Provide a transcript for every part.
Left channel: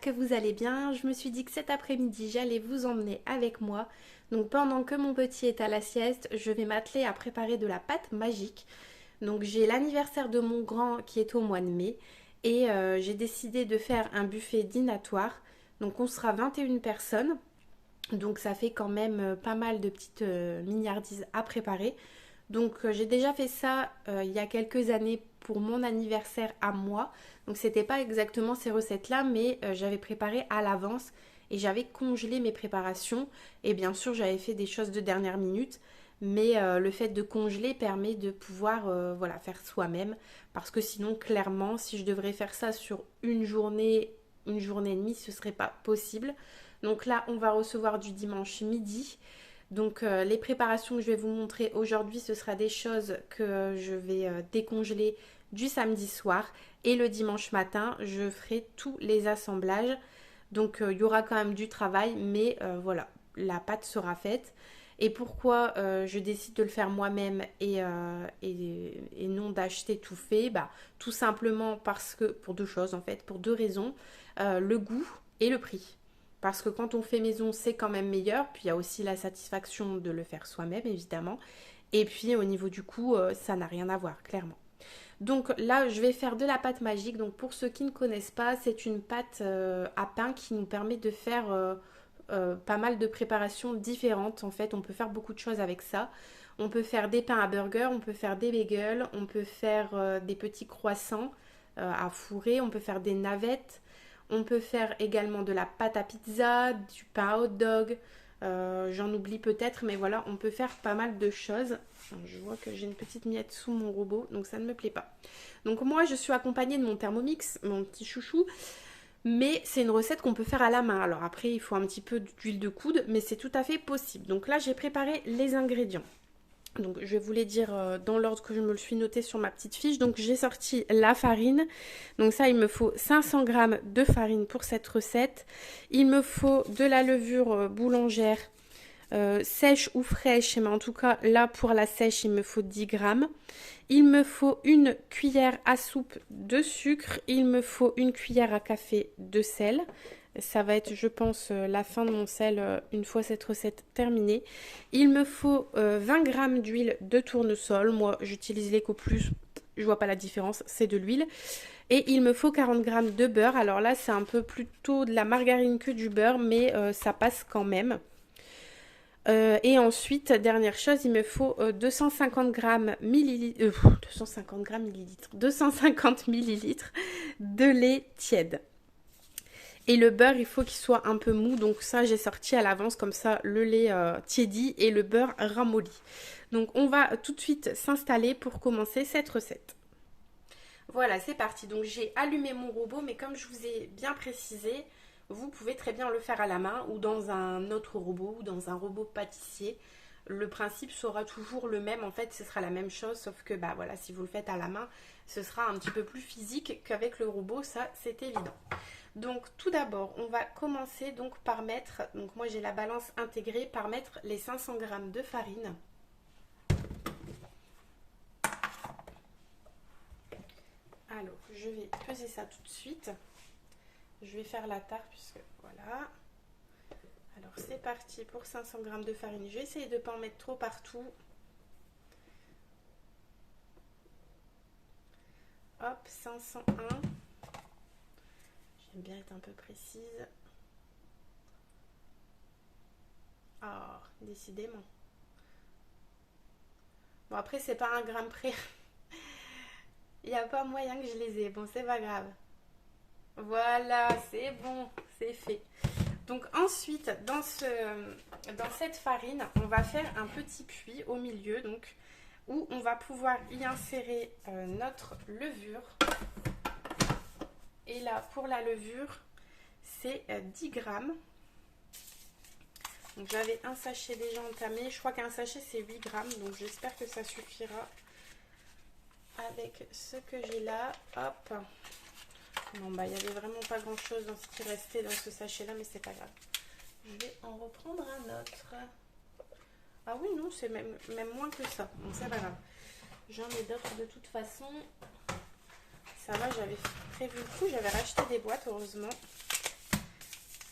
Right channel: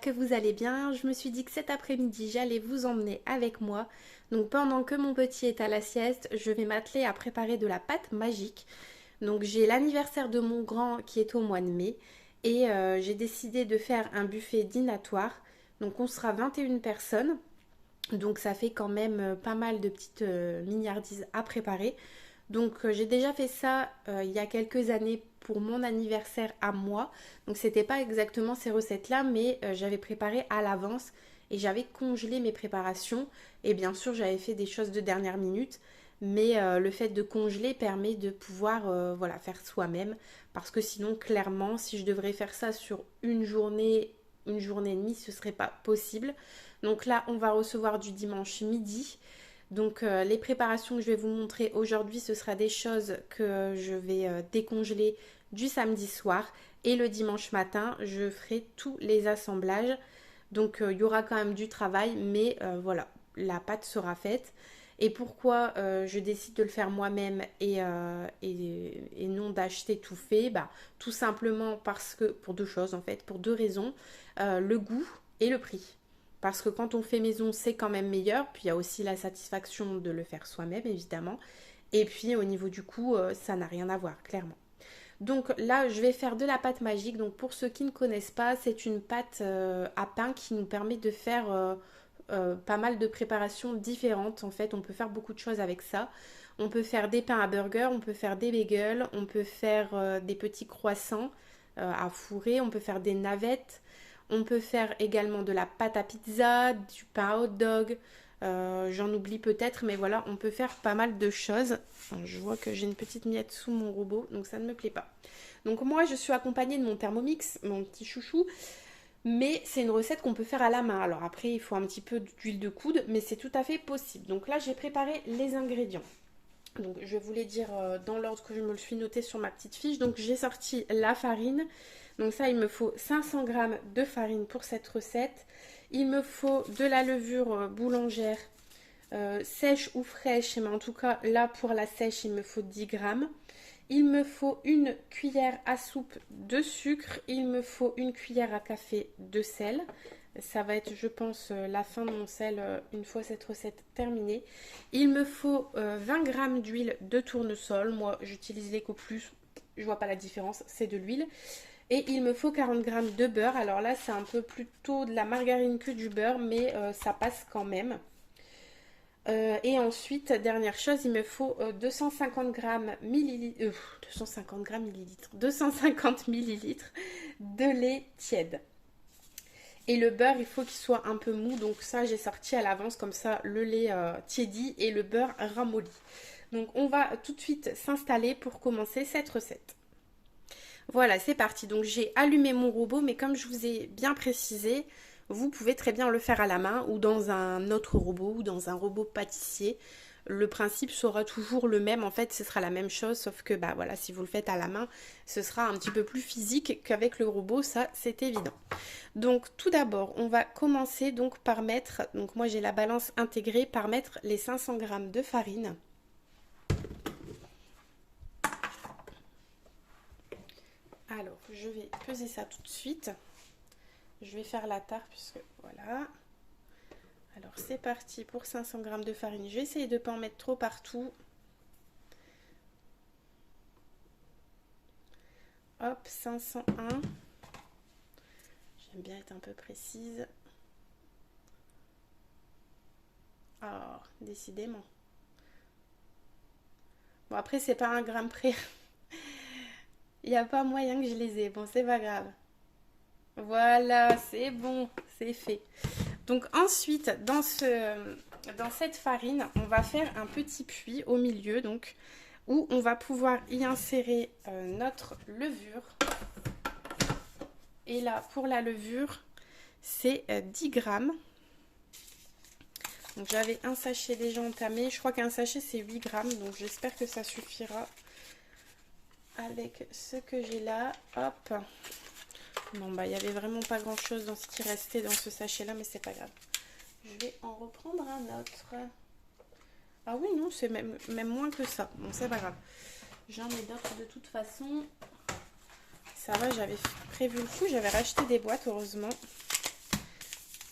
j'espère que vous allez bien. Je me suis dit que cet après-midi, j'allais vous emmener avec moi. Donc pendant que mon petit est à la sieste, je vais m'atteler à préparer de la pâte magique. Donc j'ai l'anniversaire de mon grand qui est au mois de mai et j'ai décidé de faire un buffet dînatoire. Donc on sera 21 personnes. Donc ça fait quand même pas mal de petites mignardises à préparer. Donc j'ai déjà fait ça il y a quelques années pour mon anniversaire à moi. Donc c'était pas exactement ces recettes-là, mais j'avais préparé à l'avance et j'avais congelé mes préparations. Et bien sûr j'avais fait des choses de dernière minute, mais le fait de congeler permet de pouvoir voilà, faire soi-même. Parce que sinon clairement si je devrais faire ça sur une journée et demie, ce serait pas possible. Donc là on va recevoir du dimanche midi. Donc les préparations que je vais vous montrer aujourd'hui, ce sera des choses que je vais décongeler du samedi soir. Et le dimanche matin, je ferai tous les assemblages. Donc il y aura quand même du travail, mais voilà, la pâte sera faite. Et pourquoi je décide de le faire moi-même et non d'acheter tout fait, bah, tout simplement parce que, pour deux choses en fait, pour deux raisons, le goût et le prix. Parce que quand on fait maison, c'est quand même meilleur. Puis il y a aussi la satisfaction de le faire soi-même, évidemment. Et puis au niveau du coût, ça n'a rien à voir, clairement. Donc là, je vais faire de la pâte magique. Donc pour ceux qui ne connaissent pas, c'est une pâte à pain qui nous permet de faire pas mal de préparations différentes. En fait, on peut faire beaucoup de choses avec ça. On peut faire des pains à burger, on peut faire des bagels, on peut faire des petits croissants à fourrer, on peut faire des navettes. On peut faire également de la pâte à pizza, du pain à hot dog. J'en oublie peut-être, mais voilà, on peut faire pas mal de choses. Je vois que j'ai une petite miette sous mon robot, donc ça ne me plaît pas. Donc moi, je suis accompagnée de mon Thermomix, mon petit chouchou. Mais c'est une recette qu'on peut faire à la main. Alors après, il faut un petit peu d'huile de coude, mais c'est tout à fait possible. Donc là, j'ai préparé les ingrédients. Donc je vais vous les dire dans l'ordre que je me le suis noté sur ma petite fiche. Donc j'ai sorti la farine. Donc ça, il me faut 500 g de farine pour cette recette. Il me faut de la levure boulangère sèche ou fraîche. Mais en tout cas, là pour la sèche, il me faut 10 g. Il me faut une cuillère à soupe de sucre. Il me faut une cuillère à café de sel. Ça va être, je pense, la fin de mon sel une fois cette recette terminée. Il me faut 20 g d'huile de tournesol. Moi, j'utilise l'Eco Plus. Je vois pas la différence, c'est de l'huile. Et il me faut 40 g de beurre. Alors là, c'est un peu plutôt de la margarine que du beurre, mais ça passe quand même. Et ensuite, dernière chose, il me faut 250 g millilitres, 250 g millilitres, 250 millilitres de lait tiède. Et le beurre, il faut qu'il soit un peu mou, donc ça j'ai sorti à l'avance, comme ça le lait tiédit et le beurre ramolli. Donc on va tout de suite s'installer pour commencer cette recette. Voilà, c'est parti. Donc j'ai allumé mon robot, mais comme je vous ai bien précisé, vous pouvez très bien le faire à la main ou dans un autre robot ou dans un robot pâtissier. Le principe sera toujours le même, en fait ce sera la même chose, sauf que bah voilà, si vous le faites à la main, ce sera un petit peu plus physique qu'avec le robot, ça c'est évident. Donc tout d'abord, on va commencer donc par mettre, donc moi j'ai la balance intégrée, par mettre les 500 g de farine. Alors, je vais peser ça tout de suite. Je vais faire la part puisque voilà. Alors c'est parti pour 500 g de farine. Je vais essayer de ne pas en mettre trop partout. Hop, 501. J'aime bien être un peu précise. Ah, décidément. Bon, après, c'est pas un gramme près. Il n'y a pas moyen que je les ai. Bon, c'est pas grave. Voilà, c'est bon, c'est fait. Donc ensuite, dans cette farine, on va faire un petit puits au milieu, donc où on va pouvoir y insérer notre levure. Et là, pour la levure, c'est 10 grammes. Donc j'avais un sachet déjà entamé. Je crois qu'un sachet, c'est 8 grammes. Donc j'espère que ça suffira avec ce que j'ai là. Hop. Bon, bah, il n'y avait vraiment pas grand-chose dans ce qui restait dans ce sachet-là, mais c'est pas grave. Je vais en reprendre un autre. Ah oui, non, c'est même moins que ça. Bon, c'est pas grave. J'en ai d'autres de toute façon. Ça va, j'avais prévu le coup. J'avais racheté des boîtes, heureusement.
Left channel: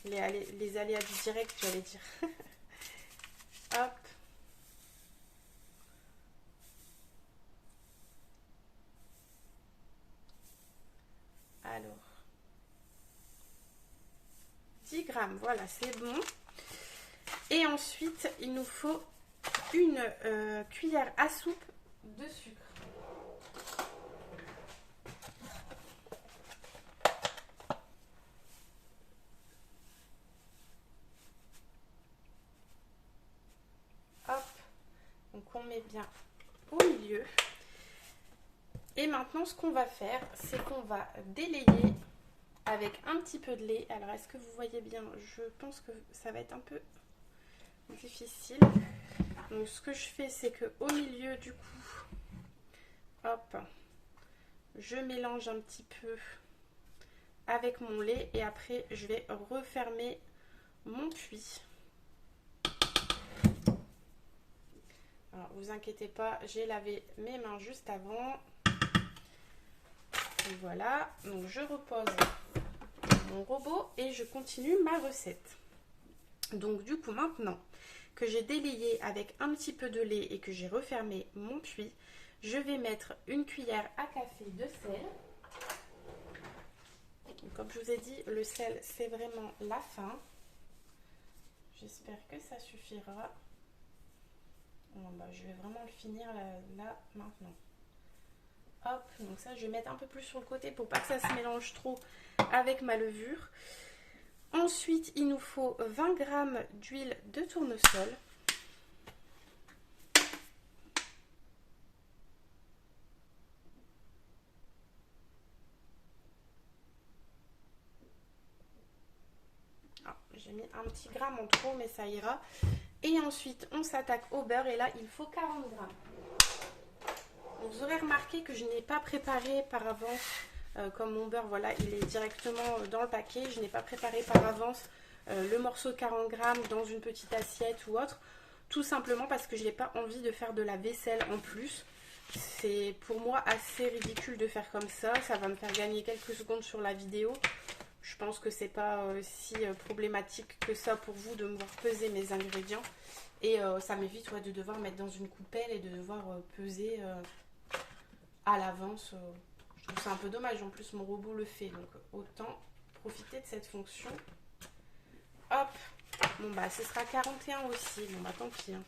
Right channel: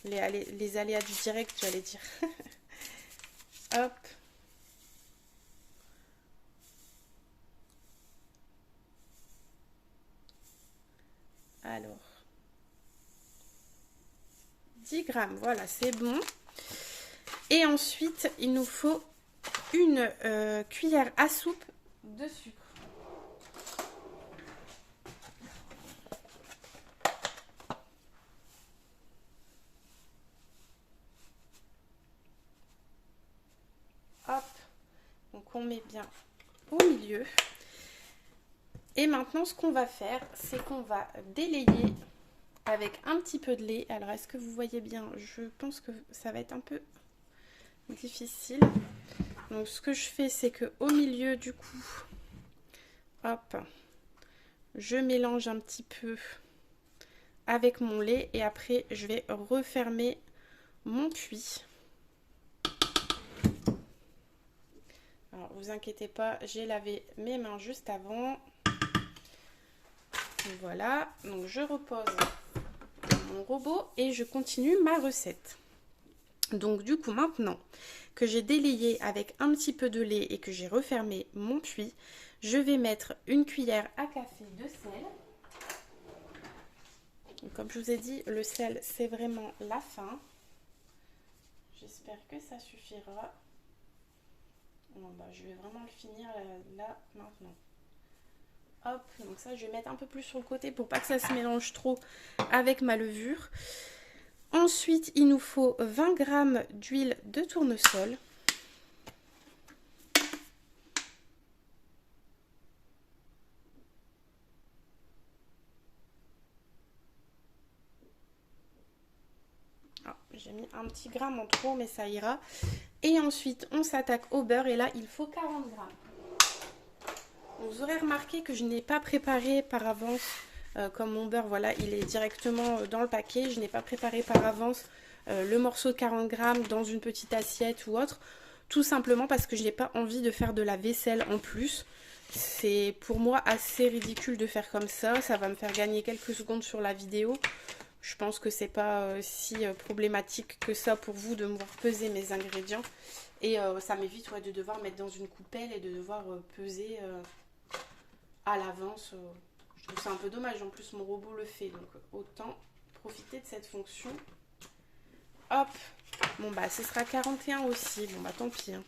les aléas du direct, j'allais dire. Hop. Alors, 10 grammes, voilà, c'est bon. Et ensuite, il nous faut une cuillère à soupe de sucre. Hop, donc on met bien au milieu. Et maintenant, ce qu'on va faire, c'est qu'on va délayer avec un petit peu de lait. Alors, est-ce que vous voyez bien? Je pense que ça va être un peu difficile. Donc, ce que je fais, c'est que au milieu, du coup, hop, je mélange un petit peu avec mon lait et après, je vais refermer mon puits. Alors, vous inquiétez pas, j'ai lavé mes mains juste avant. Voilà, donc je repose mon robot et je continue ma recette. Donc du coup maintenant que j'ai délayé avec un petit peu de lait et que j'ai refermé mon puits, je vais mettre une cuillère à café de sel. Donc, comme je vous ai dit, le sel c'est vraiment la fin. J'espère que ça suffira. Bon, bah, je vais vraiment le finir là maintenant. Hop, donc ça je vais mettre un peu plus sur le côté pour pas que ça se mélange trop avec ma levure. Ensuite, il nous faut 20 g d'huile de tournesol. J'ai mis un petit gramme en trop, mais ça ira. Et ensuite, on s'attaque au beurre. Et là, il faut 40 g. Vous aurez remarqué que je n'ai pas préparé par avance, comme mon beurre, voilà, il est directement dans le paquet. Je n'ai pas préparé par avance le morceau de 40 g dans une petite assiette ou autre. Tout simplement parce que je n'ai pas envie de faire de la vaisselle en plus. C'est pour moi assez ridicule de faire comme ça. Ça va me faire gagner quelques secondes sur la vidéo. Je pense que c'est pas si problématique que ça pour vous de me peser mes ingrédients. Et ça m'évite de devoir mettre dans une coupelle et de devoir peser à l'avance. Je trouve ça un peu dommage. En plus, mon robot le fait. Donc, autant profiter de cette fonction. Hop. Bon, bah, ce sera 41 aussi. Bon, bah, tant pis. Hein.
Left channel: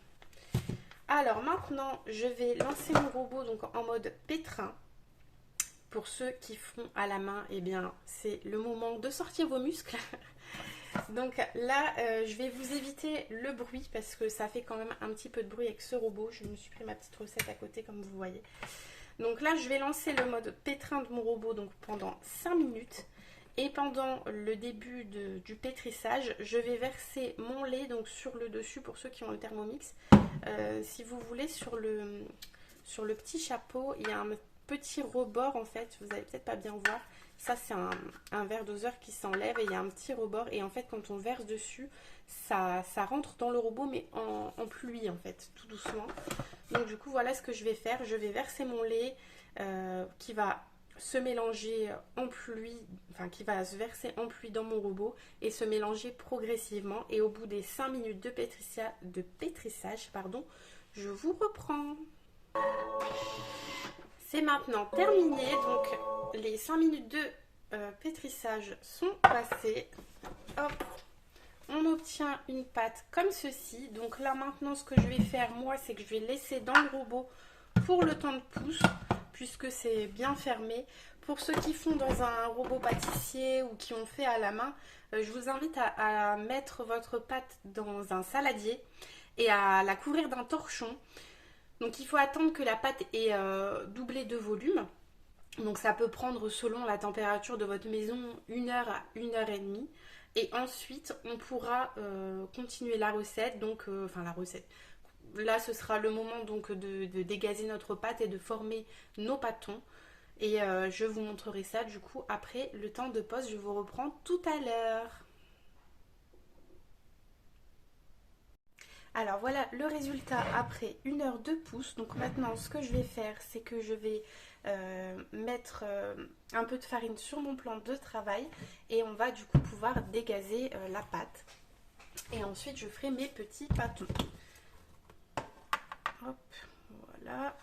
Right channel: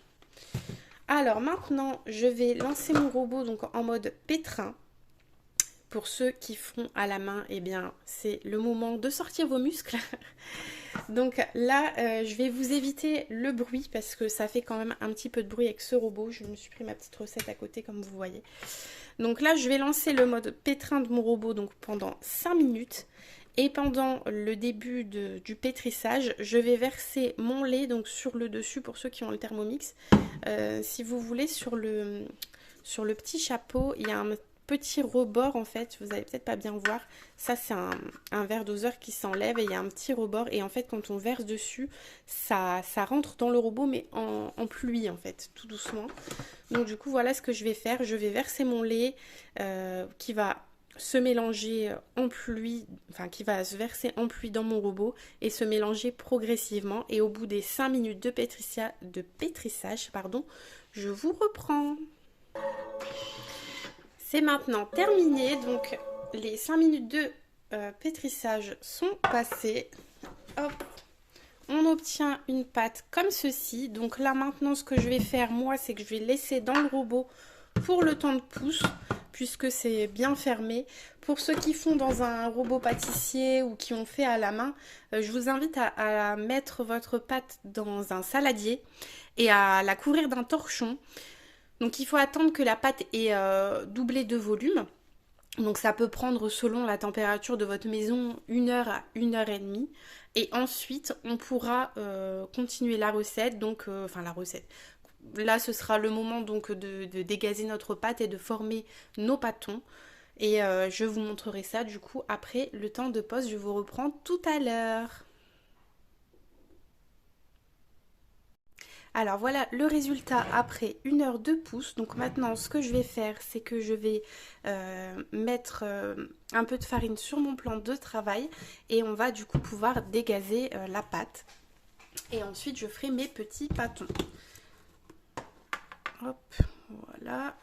Alors, maintenant, je vais lancer mon robot donc en mode pétrin. Pour ceux qui font à la main, eh bien, c'est le moment de sortir vos muscles. Donc là, je vais vous éviter le bruit parce que ça fait quand même un petit peu de bruit avec ce robot. Je me suis pris ma petite recette à côté comme vous voyez. Donc là, je vais lancer le mode pétrin de mon robot donc pendant 5 minutes. Et pendant le début du pétrissage, je vais verser mon lait donc sur le dessus pour ceux qui ont le Thermomix. Si vous voulez, sur le petit chapeau, il y a un petit rebord en fait, vous allez peut-être pas bien voir, ça c'est un verre doseur qui s'enlève et il y a un petit rebord et en fait quand on verse dessus, ça rentre dans le robot mais en pluie en fait, tout doucement. Donc du coup voilà ce que je vais faire, je vais verser mon lait qui va se mélanger en pluie, enfin qui va se verser en pluie dans mon robot et se mélanger progressivement et au bout des 5 minutes de pétrissage, pardon, je vous reprends. C'est maintenant terminé, donc les 5 minutes de pétrissage sont passées. Hop, on obtient une pâte comme ceci. Donc là maintenant ce que je vais faire moi, c'est que je vais laisser dans le robot pour le temps de pousse, puisque c'est bien fermé. Pour ceux qui font dans un robot pâtissier ou qui ont fait à la main, je vous invite à mettre votre pâte dans un saladier et à la couvrir d'un torchon. Donc il faut attendre que la pâte ait doublé de volume. Donc ça peut prendre selon la température de votre maison 1 heure à 1 heure et demie. Et ensuite on pourra continuer la recette. Donc la recette. Là ce sera le moment donc de dégazer notre pâte et de former nos pâtons. Et je vous montrerai ça du coup après le temps de pause. Je vous reprends tout à l'heure. Alors voilà le résultat après 1 heure de pouce. Donc maintenant ce que je vais faire c'est que je vais mettre un peu de farine sur mon plan de travail et on va du coup pouvoir dégazer la pâte. Et ensuite je ferai mes petits pâtons. Hop, voilà.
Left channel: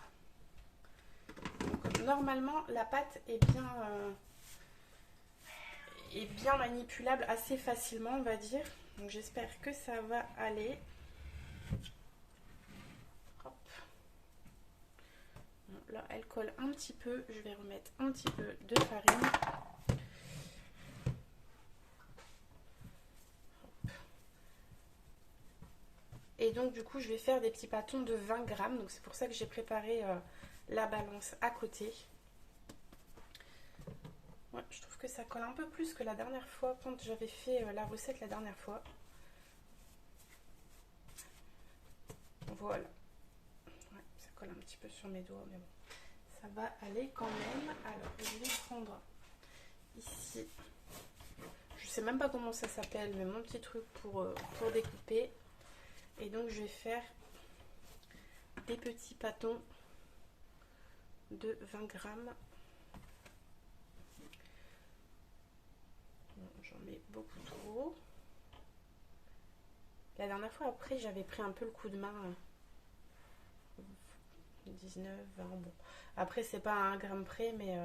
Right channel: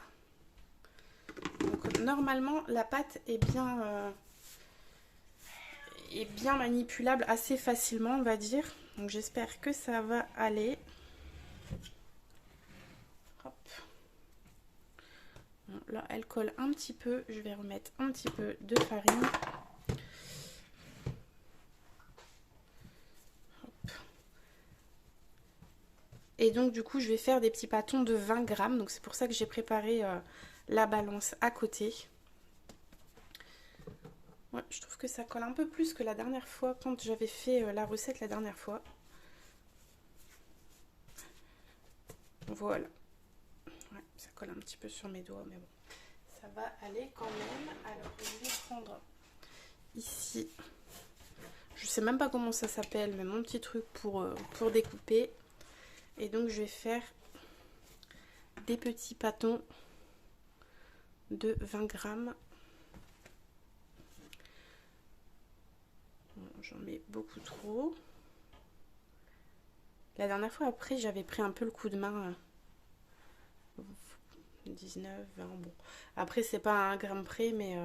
Donc, normalement la pâte est bien manipulable assez facilement on va dire. Donc j'espère que ça va aller. Hop. Bon, là elle colle un petit peu, je vais remettre un petit peu de farine. Hop. Et donc du coup je vais faire des petits pâtons de 20 grammes. Donc c'est pour ça que j'ai préparé la balance à côté. Ouais, je trouve que ça colle un peu plus que la dernière fois quand j'avais fait la recette la dernière fois. Voilà. Ouais, ça colle un petit peu sur mes doigts, mais bon, ça va aller quand même. Alors, je vais prendre ici, je sais même pas comment ça s'appelle, mais mon petit truc pour découper. Et donc, je vais faire des petits pâtons de 20 grammes. Bon, j'en mets beaucoup trop. La dernière fois, après, j'avais pris un peu le coup de main. 19, 20, bon. Après, c'est pas à 1 gramme près, mais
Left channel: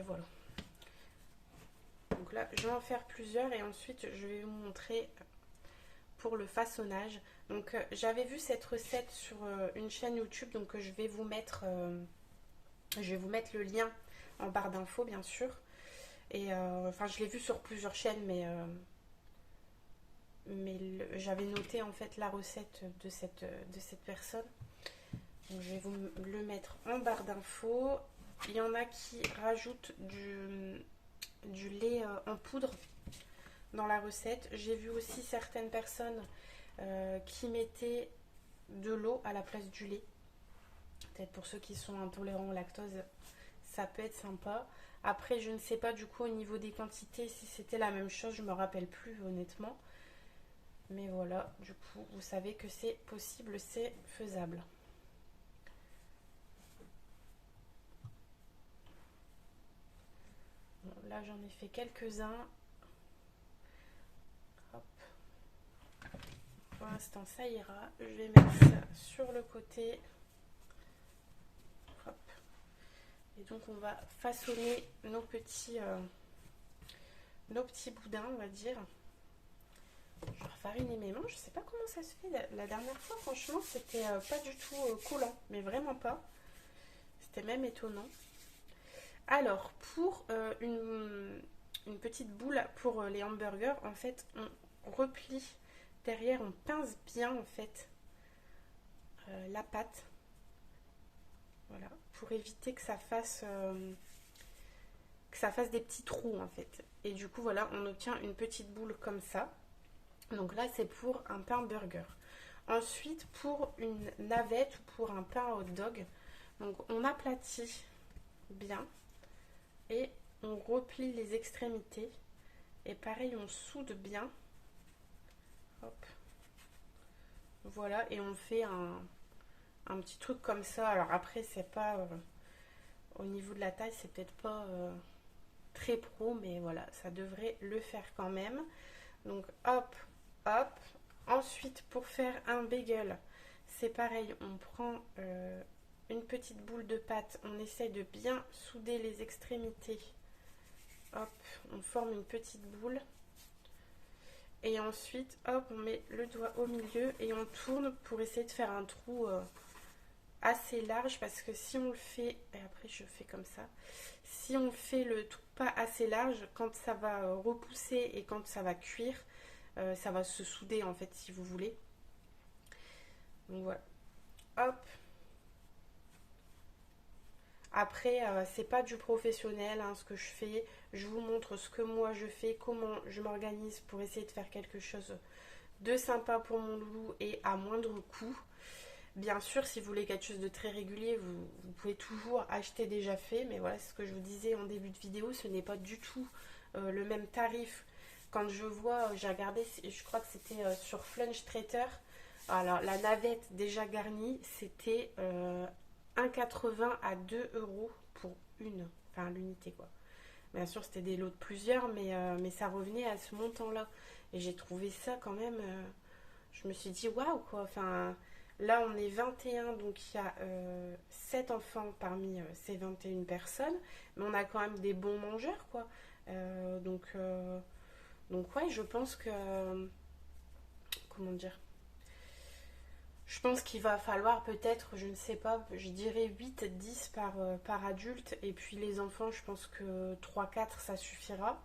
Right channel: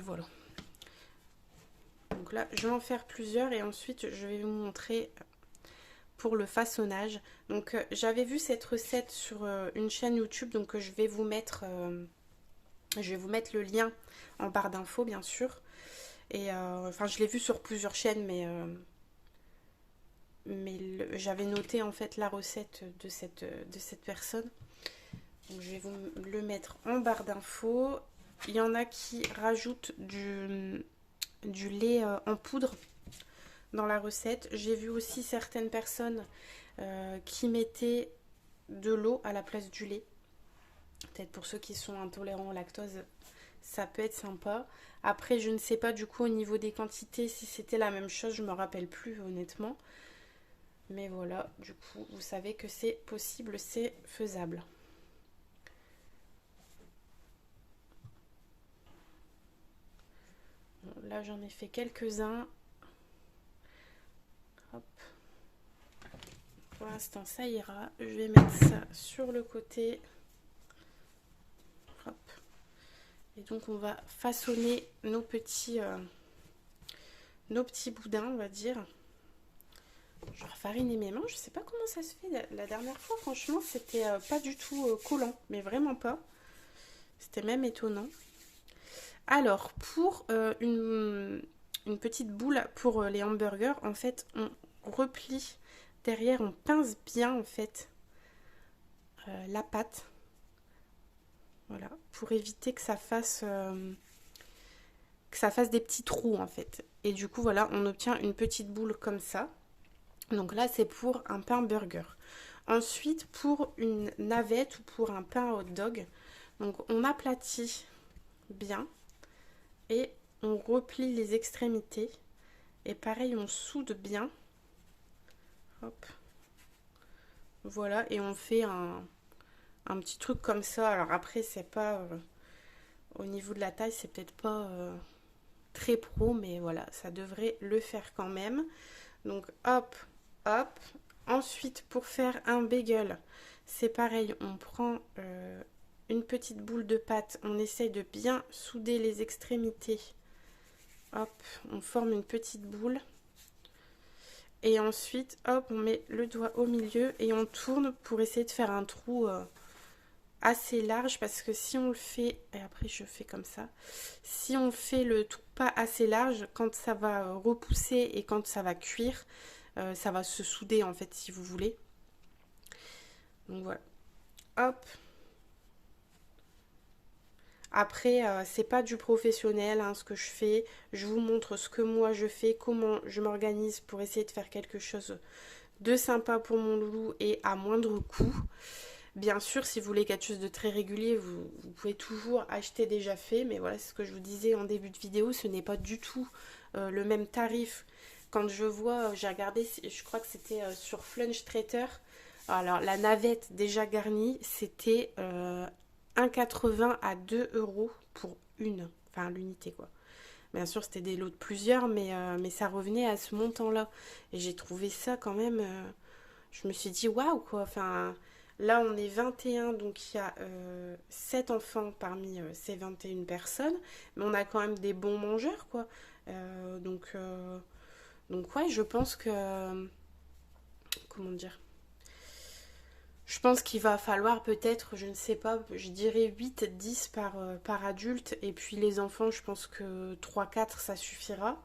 voilà. Donc là, je vais en faire plusieurs et ensuite, je vais vous montrer pour le façonnage. Donc, j'avais vu cette recette sur une chaîne YouTube, donc je vais vous mettre le lien en barre d'infos, bien sûr. Et enfin, je l'ai vu sur plusieurs chaînes, mais j'avais noté en fait la recette de cette personne. Donc, je vais vous le mettre en barre d'infos. Il y en a qui rajoutent du lait en poudre dans la recette. J'ai vu aussi certaines personnes qui mettaient de l'eau à la place du lait. Peut-être pour ceux qui sont intolérants au lactose, ça peut être sympa. Après, je ne sais pas du coup au niveau des quantités si c'était la même chose, je me rappelle plus honnêtement. Mais voilà, du coup, vous savez que c'est possible, c'est faisable. Bon, là, j'en ai fait quelques-uns. Hop. Pour l'instant, ça ira. Je vais mettre ça sur le côté. Hop. Et donc, on va façonner nos petits boudins, on va dire. Je vais fariner mes mains. Je sais pas comment ça se fait. La dernière fois, franchement, c'était pas du tout collant. Mais vraiment pas. C'était même étonnant. Alors, pour une petite boule pour les hamburgers, en fait, on replie derrière, on pince bien, en fait, la pâte. Voilà, pour éviter que ça fasse des petits trous, en fait. Et du coup, voilà, on obtient une petite boule comme ça. Donc là, c'est pour un pain burger. Ensuite, pour une navette ou pour un pain hot dog, donc on aplatit bien et on replie les extrémités. Et pareil, on soude bien. Hop. Voilà, et on fait un petit truc comme ça. Alors après, c'est pas... au niveau de la taille, c'est peut-être pas très pro, mais voilà, ça devrait le faire quand même. Donc hop, hop. Ensuite, pour faire un bagel, c'est pareil, on prend une petite boule de pâte, on essaye de bien souder les extrémités. Hop, on forme une petite boule. Et ensuite, hop, on met le doigt au milieu et on tourne pour essayer de faire un trou assez large. Parce que si on le fait, et après je fais comme ça, si on fait le trou pas assez large, quand ça va repousser et quand ça va cuire, ça va se souder en fait si vous voulez. Donc voilà, hop. Après, c'est pas du professionnel hein, ce que je fais. Je vous montre ce que moi je fais, comment je m'organise pour essayer de faire quelque chose de sympa pour mon loulou et à moindre coût. Bien sûr, si vous voulez quelque chose de très régulier, vous pouvez toujours acheter déjà fait. Mais voilà, c'est ce que je vous disais en début de vidéo, ce n'est pas du tout le même tarif quand je vois, j'ai regardé, je crois que c'était sur Flunch Trader. Alors la navette déjà garnie, c'était 1,80 à 2 euros pour enfin l'unité quoi. Bien sûr, c'était des lots de plusieurs, mais ça revenait à ce montant-là. Et j'ai trouvé ça quand même. Je me suis dit, waouh, quoi. Enfin, là, on est 21, donc il y a 7 enfants parmi ces 21 personnes. Mais on a quand même des bons mangeurs, quoi. Donc ouais, je pense que. Comment dire? Je pense qu'il va falloir peut-être, je ne sais pas, je dirais 8, 10 par adulte. Et puis les enfants, je pense que 3, 4 ça suffira.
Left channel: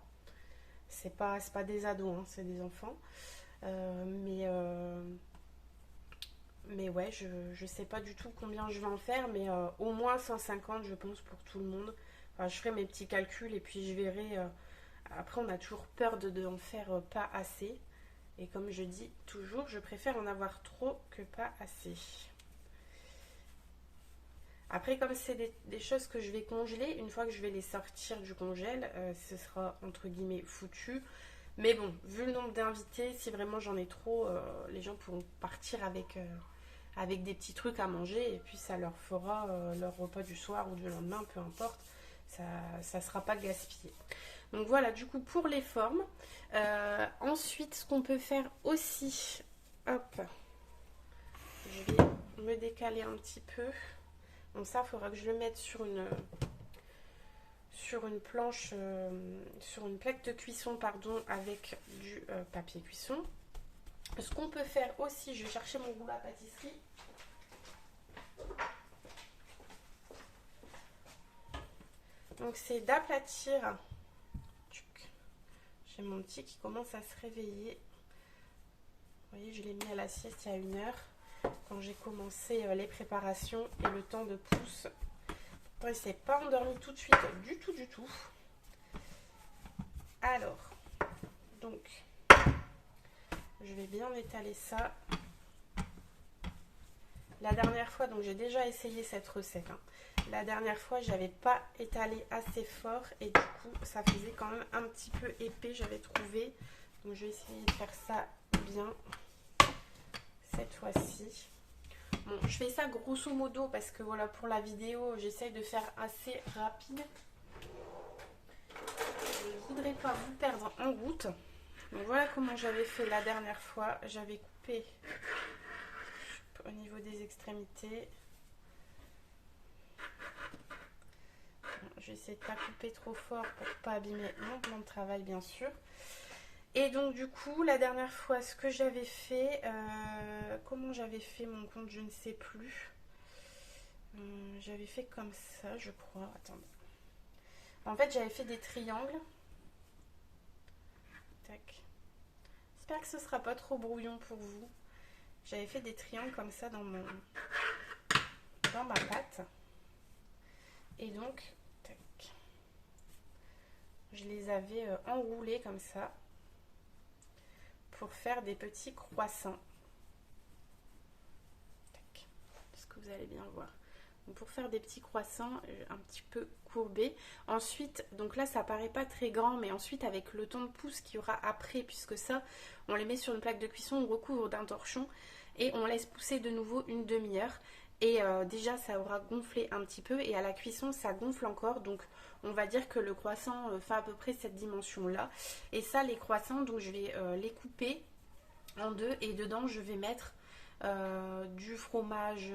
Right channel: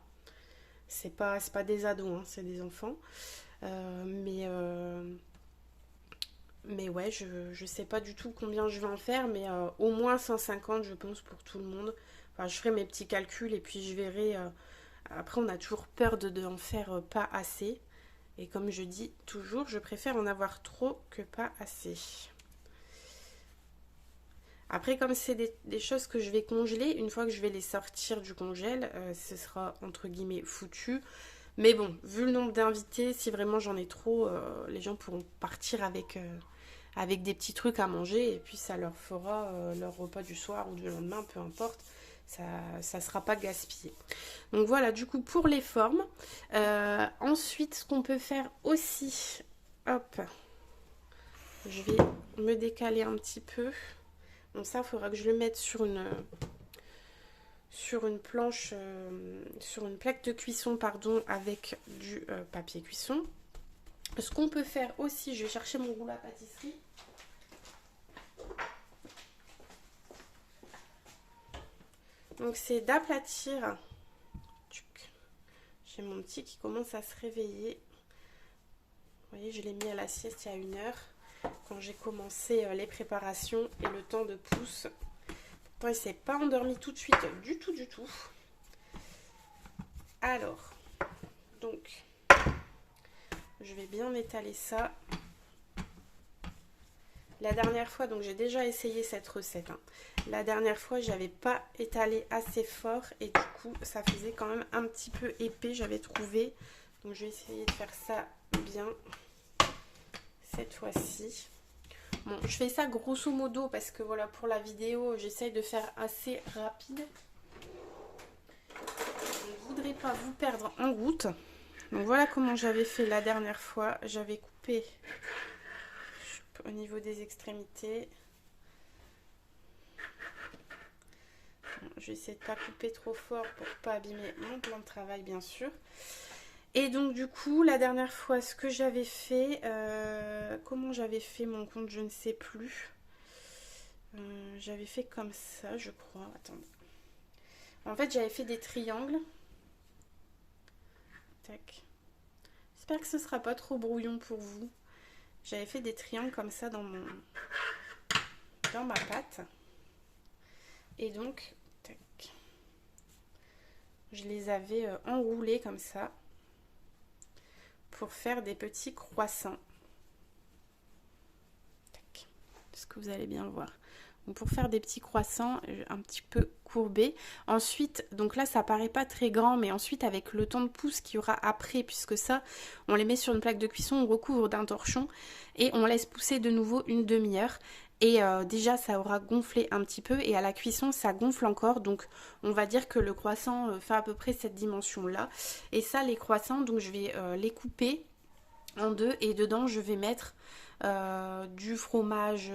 C'est pas des ados, hein, c'est des enfants. Euh, mais, euh, mais ouais, je sais pas du tout combien je vais en faire, mais au moins 150, je pense, pour tout le monde. Enfin, je ferai mes petits calculs et puis je verrai. Après, on a toujours peur d'en faire pas assez. Et comme je dis toujours, je préfère en avoir trop que pas assez. Après, comme c'est des choses que je vais congeler, une fois que je vais les sortir du congèle, ce sera entre guillemets foutu. Mais bon, vu le nombre d'invités, si vraiment j'en ai trop, les gens pourront partir avec des petits trucs à manger et puis ça leur fera leur repas du soir ou du lendemain, peu importe. Ça sera pas gaspillé. Donc voilà, du coup, pour les formes. Ensuite, ce qu'on peut faire aussi, hop, je vais me décaler un petit peu. Donc ça, il faudra que je le mette sur une planche, sur une plaque de cuisson, pardon, avec du papier cuisson. Ce qu'on peut faire aussi, je vais chercher mon rouleau à pâtisserie. Donc c'est d'aplatir. J'ai mon petit qui commence à se réveiller. Vous voyez, je l'ai mis à la sieste il y a 1 heure. Quand j'ai commencé les préparations et le temps de pousse. Pourtant, il ne s'est pas endormi tout de suite, du tout, du tout. Alors, donc, je vais bien étaler ça. La dernière fois, donc j'ai déjà essayé cette recette. Hein. La dernière fois, j'avais pas étalé assez fort et du coup, ça faisait quand même un petit peu épais, j'avais trouvé. Donc, je vais essayer de faire ça bien cette fois-ci. Bon, je fais ça grosso modo parce que voilà, pour la vidéo, j'essaye de faire assez rapide. Je ne voudrais pas vous perdre en route. Donc voilà comment j'avais fait la dernière fois. J'avais coupé au niveau des extrémités. Bon, je vais essayer de ne pas couper trop fort pour ne pas abîmer mon plan de travail, bien sûr. Et donc du coup, la dernière fois, ce que j'avais fait, comment j'avais fait mon compte, je ne sais plus. J'avais fait comme ça, je crois. Attendez. En fait, j'avais fait des triangles. Tac. J'espère que ce sera pas trop brouillon pour vous. J'avais fait des triangles comme ça dans ma pâte. Et donc, tac. Je les avais enroulés comme ça pour faire des petits croissants. Tac. Est-ce que vous allez bien le voir? Donc pour faire des petits croissants un petit peu courbés. Ensuite, donc là ça paraît pas très grand, mais ensuite avec le temps de pousse qu'il y aura après, puisque ça, on les met sur une plaque de cuisson, on recouvre d'un torchon et on laisse pousser de nouveau une demi-heure. Et déjà ça aura gonflé un petit peu et à la cuisson ça gonfle encore, donc on va dire que le croissant fait à peu près cette dimension là. Et ça, les croissants, donc je vais les couper en deux et dedans je vais mettre du fromage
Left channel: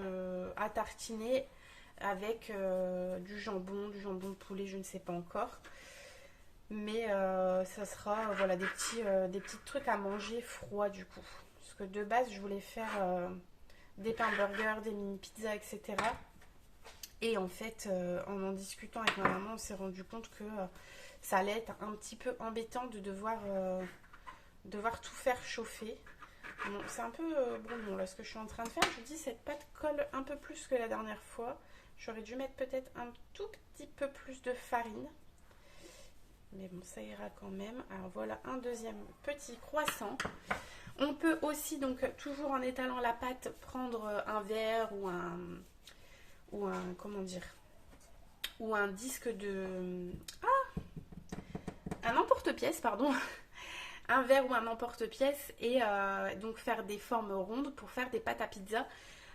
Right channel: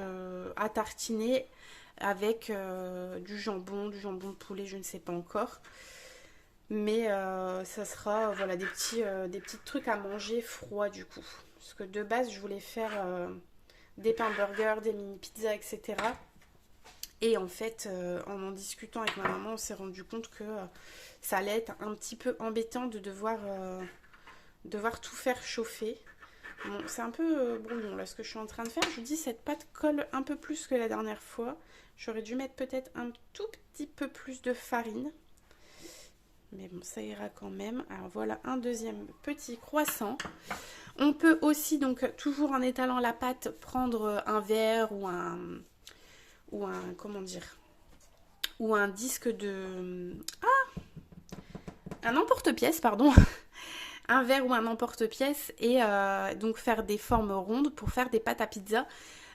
à tartiner avec du jambon de poulet, je ne sais pas encore. Mais ça sera voilà, des petits trucs à manger froids du coup. Parce que de base, je voulais faire des pains burgers, des mini pizzas, etc. Et en fait, en discutant avec ma maman, on s'est rendu compte que ça allait être un petit peu embêtant de devoir tout faire chauffer. Bon, c'est un peu brouillon là ce que je suis en train de faire. Je vous dis, cette pâte colle un peu plus que la dernière fois. J'aurais dû mettre peut-être un tout petit peu plus de farine. Mais bon, ça ira quand même. Alors voilà un deuxième petit croissant. On peut aussi, donc toujours en étalant la pâte, prendre un verre ou comment dire, ou un disque de... un emporte-pièce, pardon. un verre ou un emporte-pièce et donc faire des formes rondes pour faire des pâtes à pizza.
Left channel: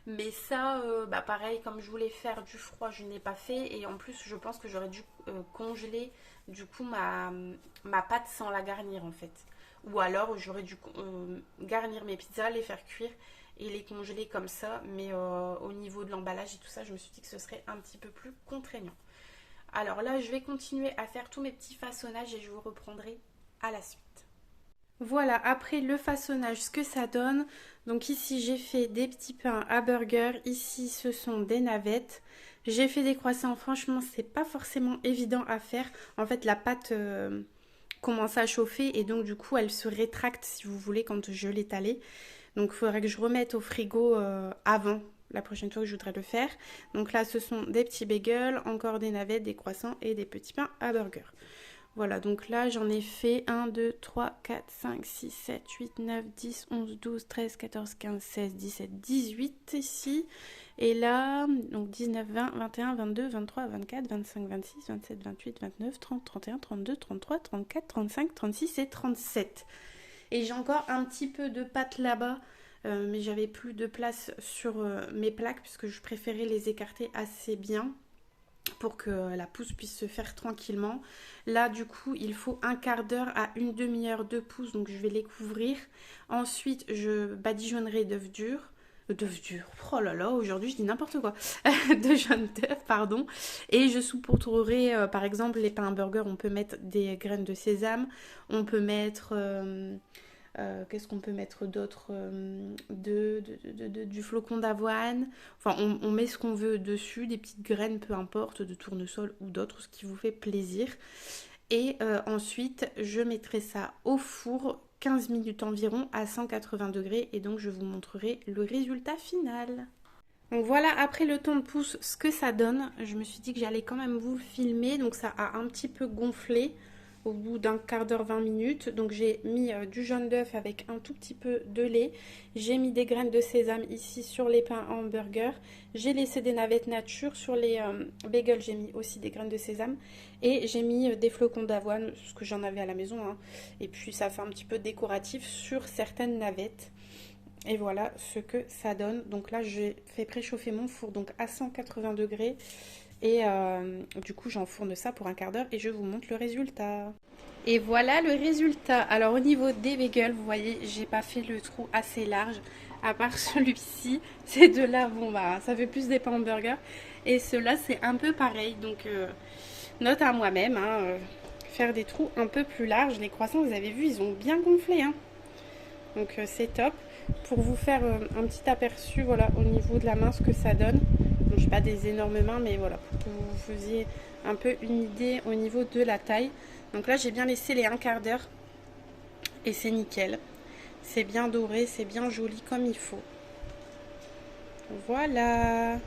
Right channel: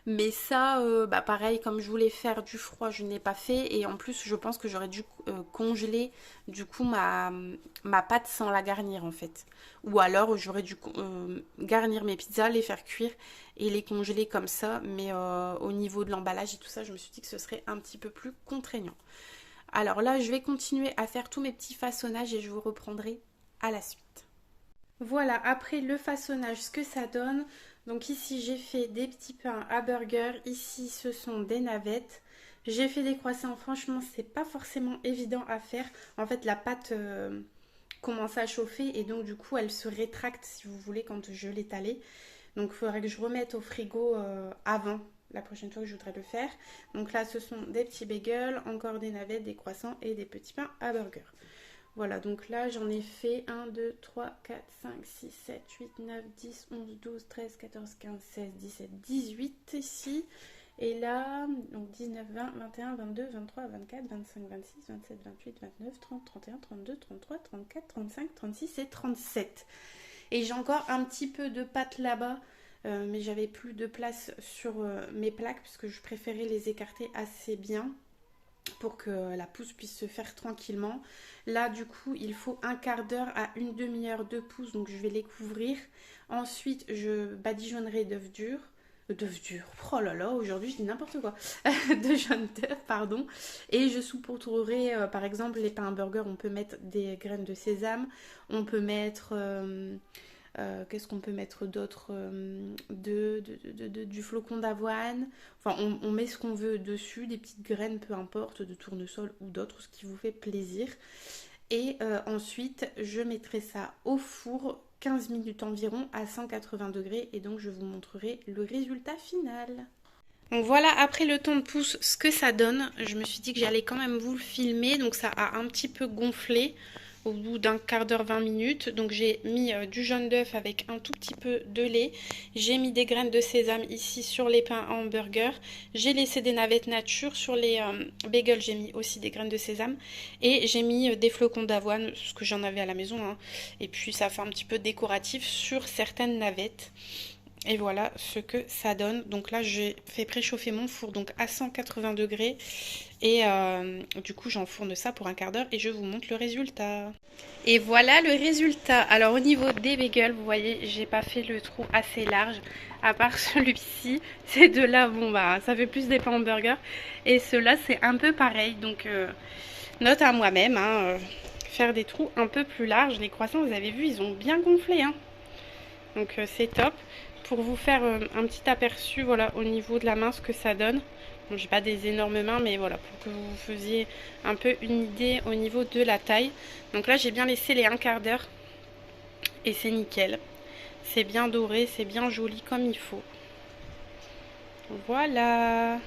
Mais ça, bah pareil, comme je voulais faire du froid, je ne l'ai pas fait. Et en plus, je pense que j'aurais dû congeler du coup ma pâte sans la garnir en fait. Ou alors j'aurais dû garnir mes pizzas, les faire cuire et les congeler comme ça. Mais au niveau de l'emballage et tout ça, je me suis dit que ce serait un petit peu plus contraignant. Alors là, je vais continuer à faire tous mes petits façonnages et je vous reprendrai à la suite. Voilà, après le façonnage, ce que ça donne. Donc ici, j'ai fait des petits pains à burger. Ici, ce sont des navettes. J'ai fait des croissants. Franchement, c'est pas forcément évident à faire. En fait, la pâte commence à chauffer et donc du coup, elle se rétracte si vous voulez quand je l'étalais. Donc, il faudrait que je remette au frigo avant la prochaine fois que je voudrais le faire. Donc là, ce sont des petits bagels, encore des navettes, des croissants et des petits pains à burger. Voilà, donc là, j'en ai fait 1, 2, 3, 4, 5, 6, 7, 8, 9, 10, 11, 12, 13, 14, 15, 16, 17, 18 ici. Et là, donc 19, 20, 21, 22, 23, 24, 25, 26, 27, 28, 29, 30, 31, 32, 33, 34, 35, 36 et 37. Et j'ai encore un petit peu de pâte là-bas, mais j'avais plus de place sur mes plaques puisque je préférais les écarter assez bien pour que la pousse puisse se faire tranquillement. Là, du coup, il faut un quart d'heure à une demi-heure de pousse, donc je vais les couvrir. Ensuite, je badigeonnerai d'œufs durs. D'œufs durs, oh là là, aujourd'hui je dis n'importe quoi. De jaune d'œuf, pardon. Et je saupoudrerai, par exemple, les pains burger, on peut mettre des graines de sésame. On peut mettre... qu'est-ce qu'on peut mettre d'autre, du flocon d'avoine. Enfin, on met ce qu'on veut dessus, des petites graines, peu importe, de tournesol ou d'autres, ce qui vous fait plaisir. Et ensuite, je mettrai ça au four 15 minutes environ à 180 degrés et donc je vous montrerai le résultat final. Donc voilà, après le temps de pouce, ce que ça donne. Je me suis dit que j'allais quand même vous le filmer, donc ça a un petit peu gonflé au bout d'un quart d'heure, 20 minutes. Donc j'ai mis du jaune d'œuf avec un tout petit peu de lait. J'ai mis des graines de sésame ici sur les pains en hamburger. J'ai laissé des navettes nature. Sur les bagels, j'ai mis aussi des graines de sésame. Et j'ai mis des flocons d'avoine, ce que j'en avais à la maison, hein. Et puis ça fait un petit peu décoratif sur certaines navettes. Et voilà ce que ça donne. Donc là, j'ai fait préchauffer mon four donc à 180 degrés. Et du coup, j'enfourne ça pour un quart d'heure et je vous montre le résultat. Et voilà le résultat. Alors au niveau des bagels, vous voyez, j'ai pas fait le trou assez large. À part celui-ci, ces deux-là, bon bah, ça fait plus des pains hamburgers. Et ceux-là, c'est un peu pareil. Donc, note à moi-même, hein, faire des trous un peu plus larges. Les croissants, vous avez vu, ils ont bien gonflé, hein. Donc c'est top. Pour vous faire un petit aperçu, voilà, au niveau de la main, ce que ça donne. Donc, je n'ai pas des énormes mains, mais voilà, pour que vous faisiez un peu une idée au niveau de la taille. Donc là, j'ai bien laissé les un quart d'heure. Et c'est nickel. C'est bien doré, c'est bien joli comme il faut. Voilà.